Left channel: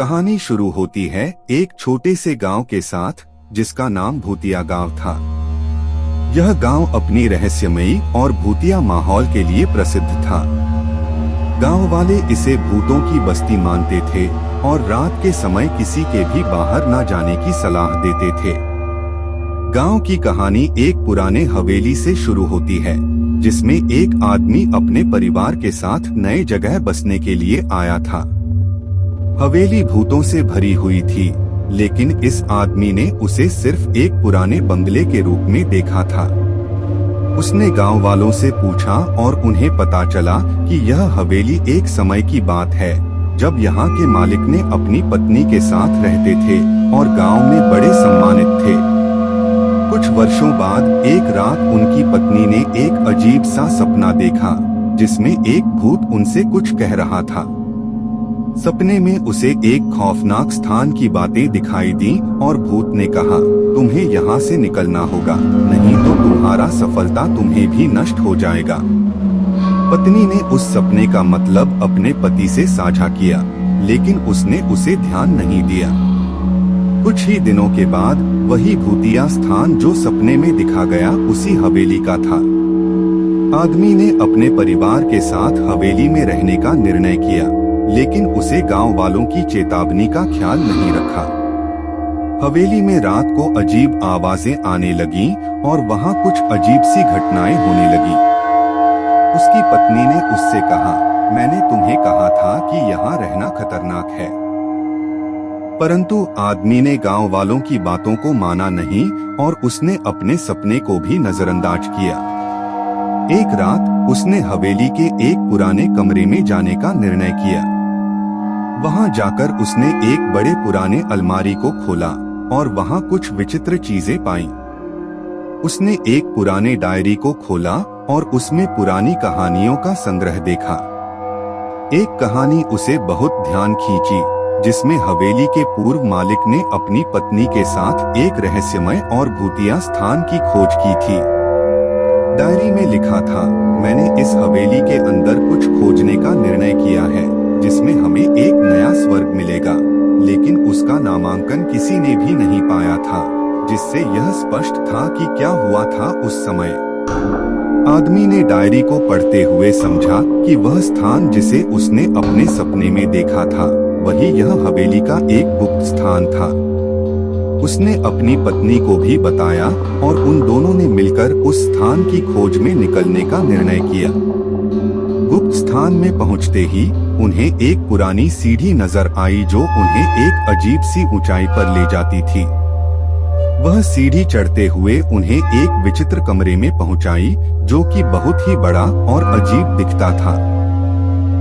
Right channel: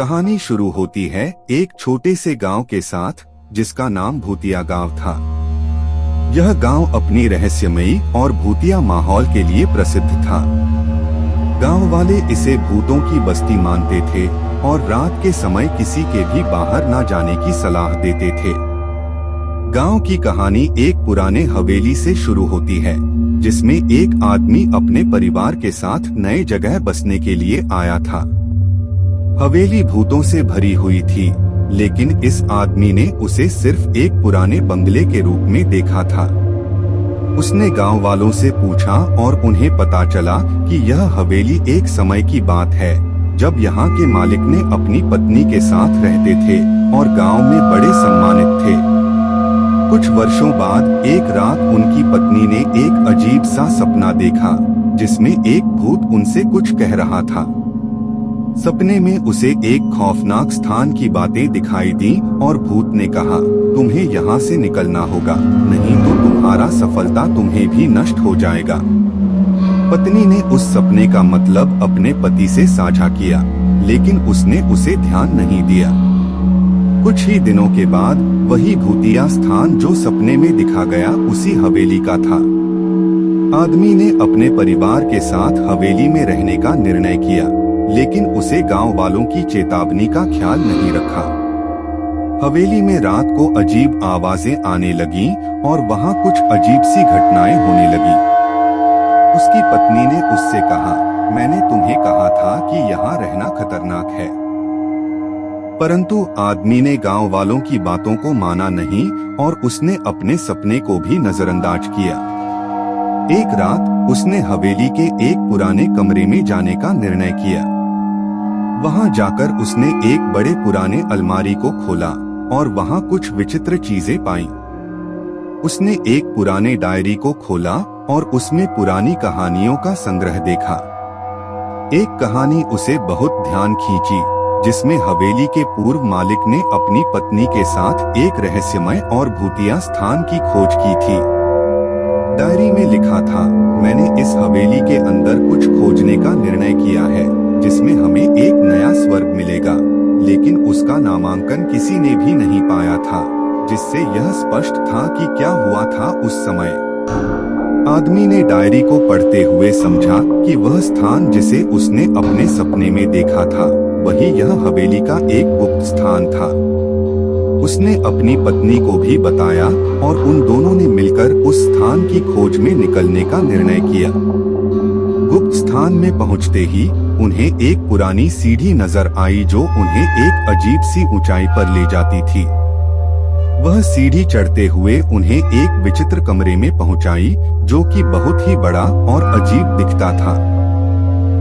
कहानी शुरू होती है एक छोटे से गांव के साथ जिसका नाम भूतिया गांव था। यह गांव अपनी रहस्यमयी और भूतिया माहौल के लिए प्रसिद्ध था। गांव वाले इसे भूतों की बस्ती मानते थे और रात के समय किसी के भी बाहर न जाने की सलाह देते थे। गांव की कहानी एक पुराने हवेली से शुरू होती है, जिसमें एक आदमी अपने परिवार के साथ नए जगह बसने के लिए आया था। हवेली भूतों से भरी हुई थी, लेकिन इस आदमी ने उसे सिर्फ एक पुराने बंगले के रूप में देखा था। उसने गांव वालों से पूछा और उन्हें पता चला कि यह हवेली एक समय की बात है, जब यहाँ के मालिक ने अपनी पत्नी के साथ रहते थे और गांव में बड़े सम्मानित थे। कुछ वर्षों बाद एक रात उनकी पत्नी ने एक अजीब सा सपना देखा, जिसमें एक भूत उनसे कुछ कह रहा था। सपने में उसे एक खौफनाक स्थान की बातें दिखाई दी और भूत ने कहा, तुम्हें यहाँ से निकलना होगा, नहीं तो तुम्हारा सफलता तुम्हें भी नष्ट हो जाएगा। पत्नी ने उस सपने का मतलब अपने पति से साझा किया, लेकिन उसने उसे ध्यान नहीं दिया। कुछ ही दिनों के बाद वही भूतिया स्थान जो सपने में दिखा गया उसी हवेली का था। आदमी ने अपने परिवार के साथ हवेली में रहने का निर्णय किया, लेकिन उसे गांव वालों की चेतावनी का ख्याल नहीं रखा। हवेली में रात को अजीब आवाजें आने लगीं और वहां कुछ अजीब सी घटनाएं होने लगी। उसकी पत्नी ने उससे कहा, मैंने तुम्हें कहा था कि यहाँ रहना खतरनाक है। परंतु आदमी ने गांव वालों की बातों को माना नहीं और उसने अपने सपने को भी नजरअंदाज किया। एक रात उसने हवेली के एक पुराने कमरे में जाने का निर्णय किया। वहां जाकर उसने एक बड़े पुराने अलमारी को खोला और वहां कुछ विचित्र चीजें पाईं। उसने एक पुराने डायरी को खोला और उसमें पुरानी कहानियों का संग्रह देखा। एक कहानी उसे बहुत ध्यान खींची, जिसमें हवेली के पूर्व मालिक ने अपनी पत्नी के साथ एक रहस्यमय और भूतिया स्थान की खोज की थी। डायरी में लिखा था, मैंने इस हवेली के अंदर कुछ खोजने का निर्णय किया है, जिसमें हमें एक नया स्वर्ग मिलेगा, लेकिन उसका नामांकन किसी ने भी नहीं पाया था, जिससे यह स्पष्ट था कि क्या हुआ था उस समय। आदमी ने डायरी को पढ़ते हुए समझा कि वह स्थान जिसे उसने अपने सपने में देखा था, वही यह हवेली का एक गुप्त स्थान था। उसने अपनी पत्नी को भी बताया और उन दोनों ने मिलकर उस स्थान की खोज में निकलने का निर्णय किया। गुप्त स्थान में पहुंचते ही उन्हें एक पुरानी सीढ़ी नजर आई, जो उन्हें एक अजीब सी ऊंचाई पर ले जाती थी। वह सीढ़ी चढ़ते हुए उन्हें एक विचित्र कमरे में पहुंचाई, जो कि बहुत ही बड़ा और अजीब दिखता था।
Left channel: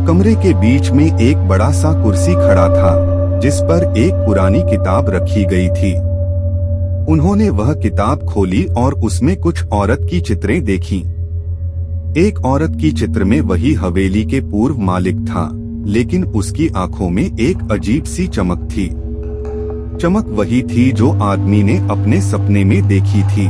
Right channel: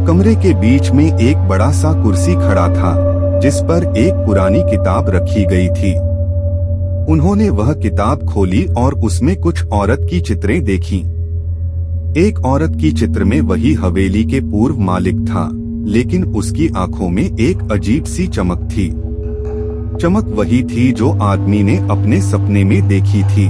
कमरे के बीच में एक बड़ा सा कुर्सी खड़ा था, जिस पर एक पुरानी किताब रखी गई थी। उन्होंने वह किताब खोली और उसमें कुछ औरत की चित्रें देखीं। एक औरत की चित्र में वही हवेली के पूर्व मालिक था, लेकिन उसकी आंखों में एक अजीब सी चमक थी। चमक वही थी जो आदमी ने अपने सपने में देखी थी।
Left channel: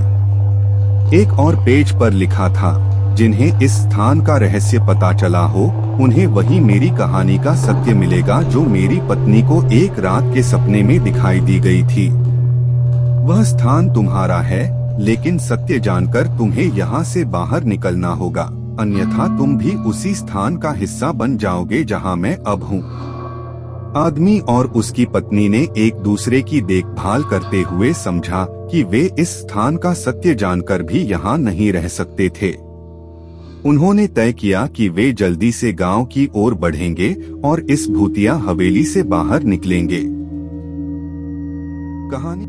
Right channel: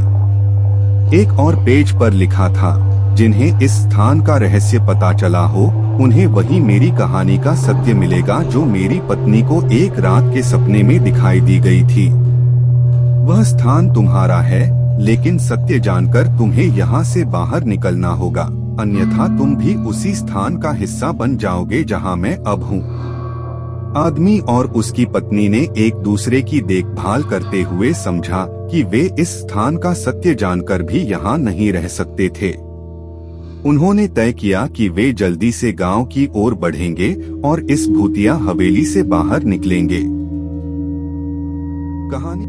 एक और पेज पर लिखा था, जिन्हें इस स्थान का रहस्य पता चला हो, उन्हें वही मेरी कहानी का सत्य मिलेगा, जो मेरी पत्नी को एक रात के सपने में दिखाई दी गई थी। वह स्थान तुम्हारा है, लेकिन सत्य जानकर तुम्हें यहाँ से बाहर निकलना होगा, अन्यथा तुम भी उसी स्थान का हिस्सा बन जाओगे जहाँ मैं अब हूँ। आदमी और उसकी पत्नी ने एक दूसरे की देखभाल करते हुए समझा कि वे इस स्थान का सत्य जानकर भी यहाँ नहीं रह सकते थे। उन्होंने तय किया कि वे जल्दी से गांव की ओर बढ़ेंगे और इस भूतिया हवेली से बाहर निकलेंगे। कहानी